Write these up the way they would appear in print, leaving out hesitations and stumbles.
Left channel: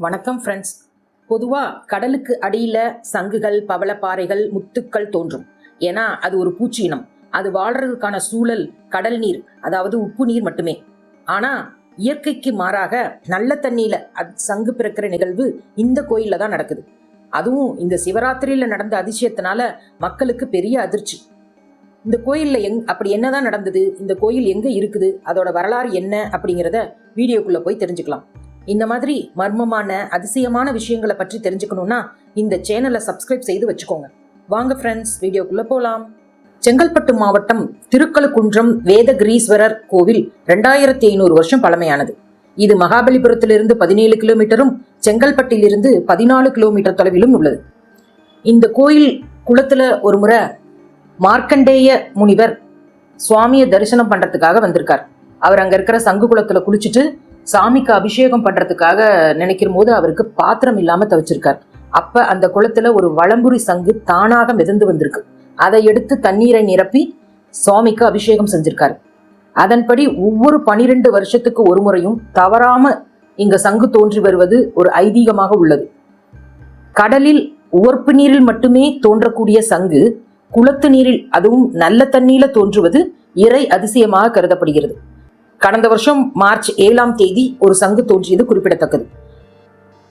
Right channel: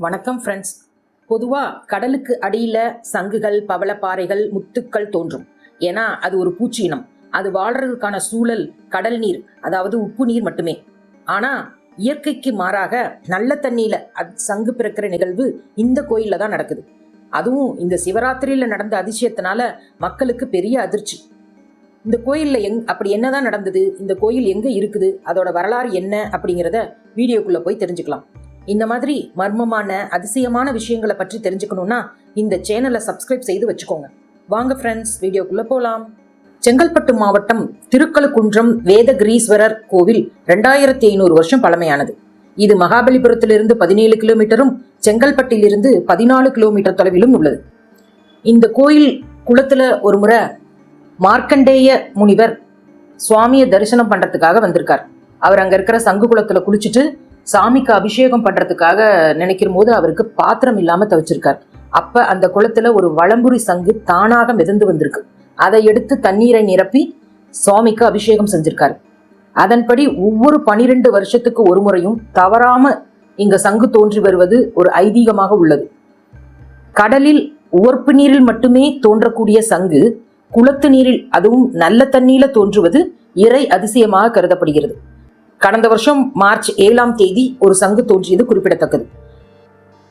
வணக்கம் ஃப்ரெண்ட்ஸ். பொதுவா கடலுக்கு அடியில சங்குகள், பவளப்பாறைகள், முத்துக்கள் தோன்றும். ஏன்னா அது ஒரு பூச்சி இனம். அது வாழ்றதுக்கான சூழல் கடல் நீர், அதாவது உப்பு நீர் மட்டுமே. ஆனா இயற்கைக்கு மாறாக நல்ல தண்ணியில சங்கு பிறக்கிற நிகழ்வு இந்த கோயில்ல தான் நடக்குது. அதுவும் இந்த சிவராத்திரியில நடந்த அதிசயத்தினால மக்களுக்கு பெரிய அதிர்ச்சி. இந்த கோயில்ல அப்படி என்னதான் நடந்தது, இந்த கோயில் எங்க இருக்குது, அதோட வரலாறு என்ன அப்படிங்கிறத வீடியோக்குள்ள போய் தெரிஞ்சுக்கலாம். இந்த மாதிரி மர்மமான அதிசயமான விஷயங்களை பற்றி தெரிஞ்சுக்கணும்னா இந்த சேனலை சப்ஸ்கிரைப் செய்து வச்சுக்கோங்க. வாங்க ஃப்ரெண்ட்ஸ், வீடியோக்குள்ள போலாம். செங்கல்பட்டு மாவட்டம் திருக்கழுக்குன்றம் வேதகிரீஸ்வரர் கோவில் 2500 வருஷம் பழமையானது. இது மகாபலிபுரத்திலிருந்து 17 கிலோமீட்டரும் செங்கல்பட்டிலிருந்து 14 கிலோமீட்டர் தொலைவிலும் உள்ளது. இந்த கோயில் குளத்துல ஒரு முறை மார்க்கண்டேய முனிவர் சுவாமியை தரிசனம் பண்றதுக்காக வந்திருக்கார். அவர் அங்க இருக்கிற சங்கு குளத்துல குளிச்சுட்டு சாமிக்கு அபிஷேகம் பண்றதுக்காக நினைக்கிற போது அவருக்கு பாத்திரம் இல்லாம தவிச்சிருக்கார். அப்ப அந்த குளத்துல ஒரு வளம்புரி சங்கு தானாக மிதந்து வந்திருக்கு. அதை எடுத்து தண்ணீரை நிரப்பி சுவாமிக்கு அபிஷேகம் செஞ்சிருக்காரு. அதன்படி ஒவ்வொரு 12 வருஷத்துக்கு ஒரு முறையும் தவறாம இங்க சங்கு தோன்றி வருவது ஒரு ஐதீகமாக உள்ளது. கடலில் உவர்ப்பு நீரில் மட்டுமே தோன்றக்கூடிய சங்கு குளத்து நீரில், அதுவும் நல்ல தண்ணீர்ல தோன்றுவது இறை அதிசயமாக கருதப்படுகிறது. கடந்த வருஷம் மார்ச் 7ஆம் தேதி ஒரு சங்கு தோன்றியது குறிப்பிடத்தக்கது.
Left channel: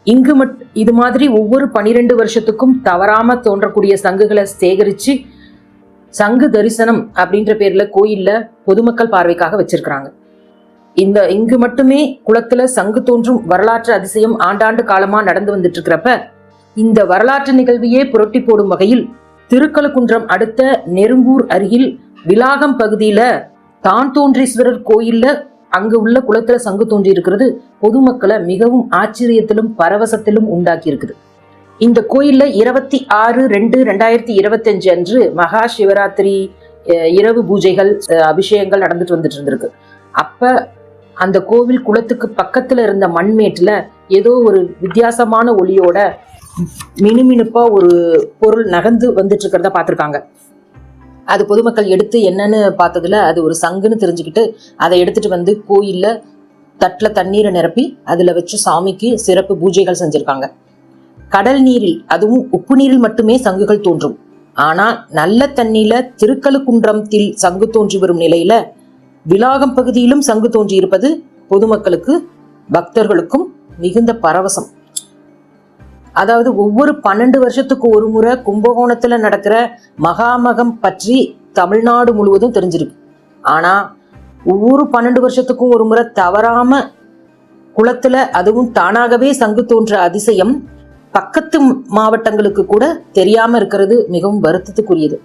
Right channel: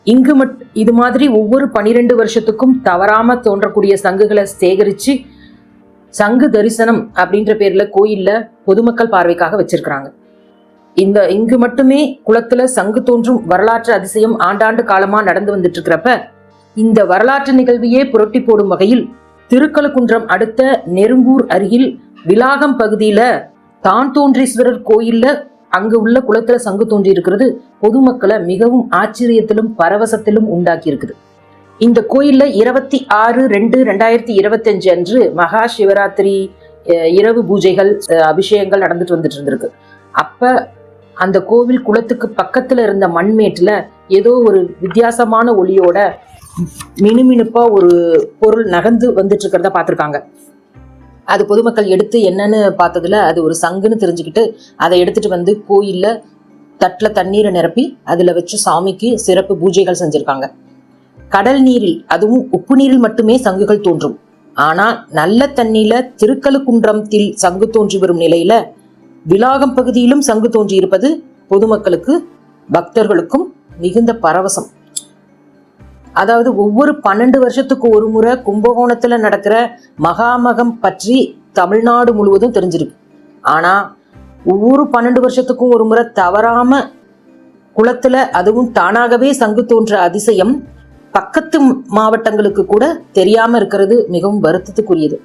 இங்கு இது மாதிரி ஒவ்வொரு 12 வருஷத்துக்கும் தவறாம தோன்றக்கூடிய சங்குகளை சேகரிச்சு சங்கு தரிசனம் அப்படின்ற பேர்ல கோயில்ல பொதுமக்கள் பார்வைக்காக வச்சிருக்கிறாங்க. இங்கு மட்டுமே குளத்துல சங்கு தோன்றும் வரலாற்று அதிசயம் ஆண்டாண்டு காலமா நடந்து வந்துட்டு இருக்கிறப்ப இந்த வரலாற்று நிகழ்வையே புரட்டி போடும் வகையில் திருக்கழுக்குன்றம் அடுத்த நெரும்பூர் அருகில் விலாகம் பகுதியில தான்தோன்றீஸ்வரர் கோயில்ல அங்கு உள்ள குளத்துல சங்கு தோன்றி இருக்கிறது பொதுமக்களை மிகவும் ஆச்சரியத்திலும் பரவசத்திலும் உண்டாக்கி இருக்குது. இந்த கோயில்ல 26/2/2025 அன்று மகா சிவராத்திரி இரவு பூஜைகள், அபிஷேகங்கள் நடந்துட்டு வந்துட்டு இருந்திருக்கு. அப்ப அந்த கோவில் குளத்துக்கு பக்கத்துல இருந்த மண்மேட்டுல ஏதோ ஒரு வித்தியாசமான ஒளியோட மினுமினுப்பா ஒரு பொருள் நகர்ந்து வந்துட்டு இருக்கிறத பார்த்திருக்காங்க. அது பொதுமக்கள் எடுத்து என்னன்னு பார்த்ததுல அது ஒரு சங்குன்னு தெரிஞ்சுக்கிட்டு அதை எடுத்துட்டு வந்து கோயில்ல தட்டுல தண்ணீரை நிரப்பி அதுல வச்சு சாமிக்கு சிறப்பு பூஜைகள் செஞ்சிருக்காங்க. கடல் நீரில், அதுவும் உப்பு நீரில் மட்டுமே சங்குகள் தோன்றும். ஆனா நல்ல தண்ணீர்ல திருக்கழுக்குன்றத்தில் சங்கு தோன்றி வரும் நிலையில விலாகம் பகுதியிலும் சங்கு தோன்றி இருப்பது பொதுமக்களுக்கு, பக்தர்களுக்கும் மிகுந்த பரவசம். அதாவது ஒவ்வொரு 12 வருஷத்துக்கு ஒரு முறை கும்பகோணத்துல நடக்கிற மகாமகம் பற்றி தமிழ்நாடு முழுவதும் தெரிஞ்சிருக்கு. ஆனா ஒவ்வொரு 12 வருஷத்துக்கும் ஒரு முறை தவறாம குளத்துல, அதுவும் தானாகவே சங்கு தோன்ற அதிசயம் பக்கத்து மாவட்டங்களுக்கு கூட தெரியாம இருக்கிறது மிகவும் வருத்தத்துக்குரியது.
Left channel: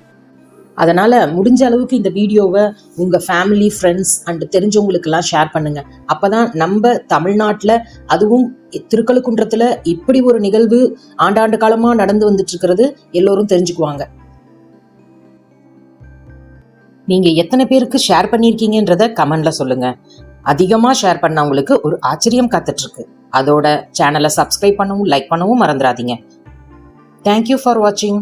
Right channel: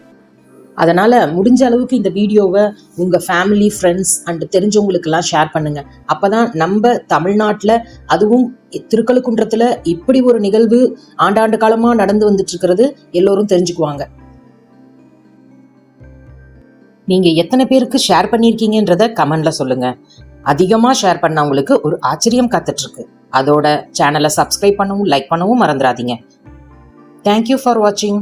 அதனால முடிஞ்ச அளவுக்கு இந்த வீடியோவை உங்க ஃபேமிலி, ஃப்ரெண்ட்ஸ் அண்ட் தெரிஞ்சவங்களுக்கு எல்லாம் ஷேர் பண்ணுங்க. அப்பதான் நம்ம தமிழ்நாட்டுல, அதுவும் திருக்கழுக்குன்றத்துல இப்படி ஒரு நிகழ்வு ஆண்டாண்டு காலமா நடந்து வந்துட்டு இருக்கிறது எல்லோரும் தெரிஞ்சுக்குவாங்க. நீங்க எத்தனை பேருக்கு ஷேர் பண்ணிருக்கீங்கன்றத கமெண்ட்ல சொல்லுங்க. அதிகமா ஷேர் பண்ணவங்களுக்கு ஒரு ஆச்சரியம் காத்துட்டு இருக்கு. அதோட சேனலை சப்ஸ்கிரைப் பண்ணவும் லைக் பண்ணவும் மறந்துடாதீங்க. தேங்க்யூ ஃபார் வாட்சிங்.